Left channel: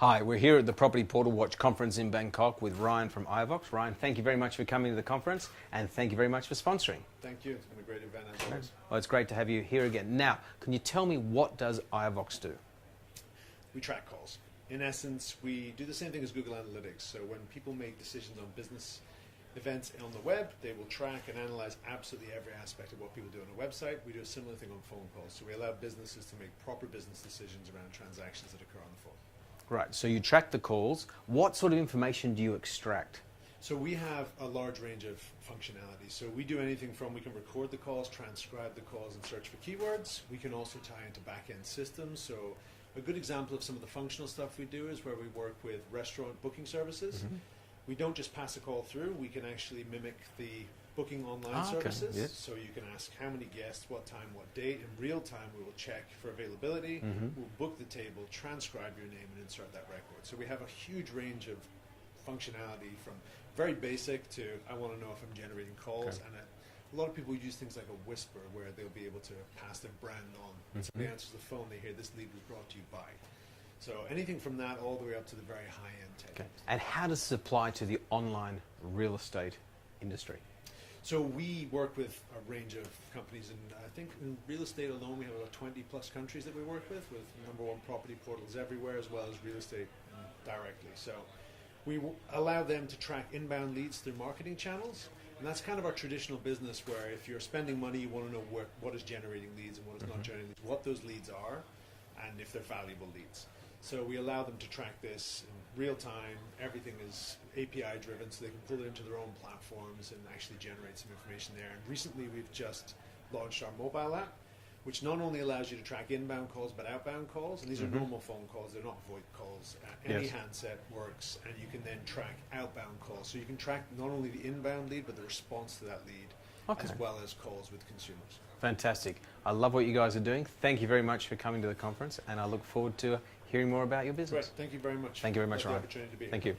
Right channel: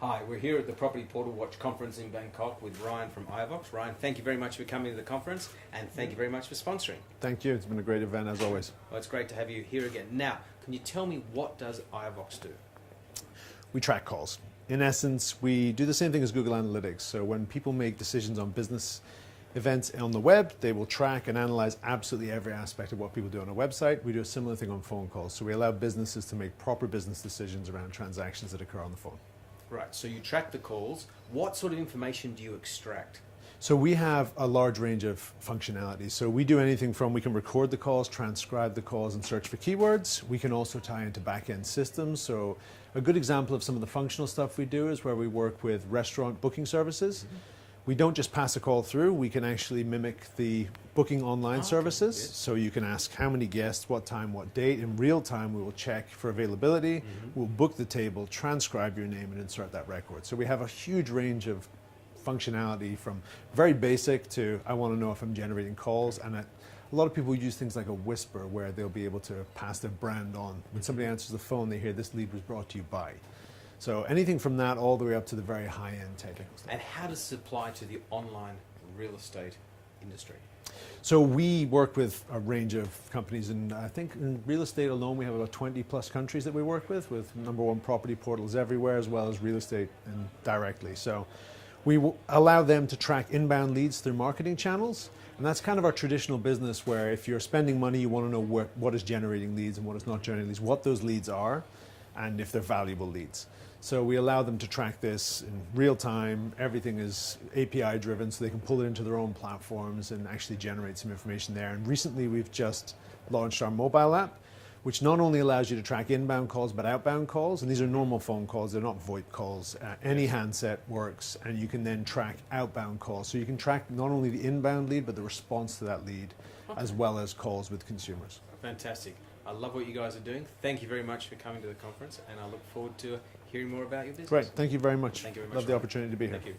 Hi, we're here at the Property Portal Watch conference in Bangkok with Ryan from IOVOX. Ryan, thank you very much for coming to the conference and thank you very much for sponsoring. Thank you. It's been a great event as always. Well, it's great to have you here again. Now, can you tell me what does IOVOX do? We track calls. In essence, we do the same thing as Google Analytics. So when people make decisions on business events on the web, they will track and analyze absolutely every aspect of what people do on a website. We do a similar thing on phone calls. So we allow businesses to make proper business decisions around transactions that occur on the phone. Right, so you track the calls. What sort of information do you extract? So we have a large range of functionality. So we do anything from we can record the calls, transcribe the calls, and search for keywords. We can also tie into back-end systems. So a good example of some of the functional stuff we do is where we work with restaurant booking services. Mm-hmm. We don't just pass a call through, we can actually mimic the booking online services. Yes. So you can ask how many guests, what time, what date. In real time, we will check for availability. Mm-hmm. We'll book the table, transcribe your name, and insert that record. So we have a huge range of functionality from very basic to I want to know if I'm generating calls. And a lot of people use things like a whisper where they'll be able to pass their brand on. When somebody answers the phone, they hear this lead was brought to you by. So anything from that all the way up to the very high-end technical stuff. And how does this apply to the online real estate industry? So we work with a range of companies, and I think in real estate alone we have about 20 plus countries that we work with #1 property portals everywhere, as well as real estate and directly. So we allow them to track inbound leads through marketing channels, and that's kind of our traditional business where if you're spending money, you want to know what is generating leads and what is not generating leads, what those leads are, and if they're valuable leads. So we allow them to track this in real time. Everything is API driven, so they can pull it into their own platforms and actually generate some information there. And recently we've just launched our mobile app, which not only allows you to track inbound calls, but outbound calls. And these are normal phone calls, they're not VoIP calls. Any handset works, and you can then track outbound calls. So you can track not only the inbound lead, but the response to that lead, as well as calls with consumers. Fantastic. I love what you guys are doing. Thank you very much for coming to the conference, and I look forward to hearing more about your business. Great. Thank you very much. Thank you very much. Love the opportunity to be here. Thank you.